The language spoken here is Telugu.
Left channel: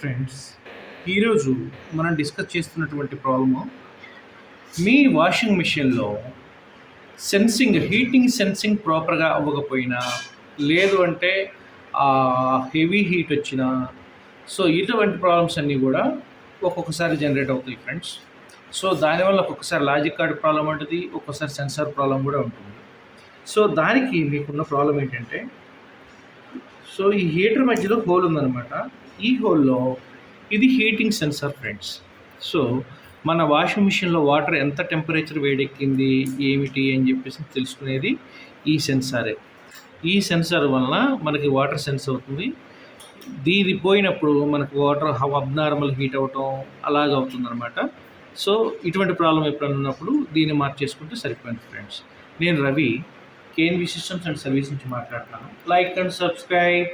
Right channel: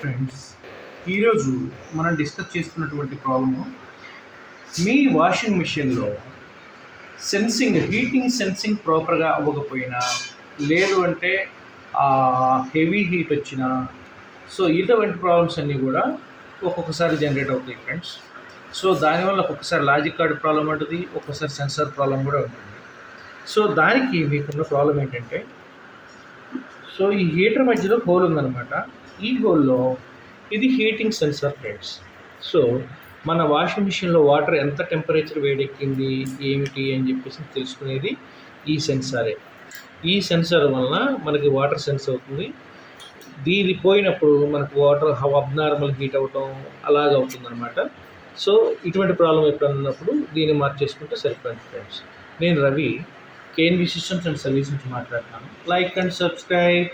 ఫ్రెండ్స్, ఈరోజు మనం డిస్కస్ చేస్తున్నటువంటి ప్రాబ్లము మీ వాషింగ్ మిషన్లో హీటింగ్ సెన్సింగ్ ప్రాపర్గా అవ్వకపోయినా, లేదు అంటే హెవీ హీట్ వచ్చినా, సో ఇటువంటి ప్రాబ్లమ్స్ అన్నీ కూడా ఒక్కొక్కసారి జనరేట్ అవుతాయి ఫ్రెండ్స్. సో దానివల్ల ఒక్కొక్కసారి లాజిక్ కార్డ్ ప్రాబ్లం ఉంటుంది, ఒక్కొక్కసారి సెన్సార్ ప్రాబ్లం కూడా ఉంటుంది. సో దానికి మీకున్న ప్రాబ్లం ఏంటంటే, సో ఈ హీటర్ మధ్యలో హోల్ ఉందన్నమాట. ఈ హోల్లో ఇది హీటింగ్ సెన్సార్ ఫ్రెండ్స్. సో మన వాషింగ్ మిషన్లో వాటర్ ఎంత టెంపరేచర్ వేడెక్కింది ఏమిటి అని చెప్పేసి తెలుసుకునేది ఈ సెన్సారే. ఈ సెన్సార్ వలన మనకి వాటర్ సెన్స్ అవుతుంది. దీని పోయినప్పుడు మనకు వాటర్ అబ్నార్మల్ హీట్ అవ్వటం అలాగ అవుతుందన్నమాట. సో ఇటువంటి ప్రాబ్లం ఎప్పుడైనా ఉన్నప్పుడు దీన్ని మార్చేసుకుంటే సరిపోయింది ఫ్రెండ్స్. నేను Ravi, KNV systems and service నుంచి మాట్లాడుతున్నాను. Like and subscribe.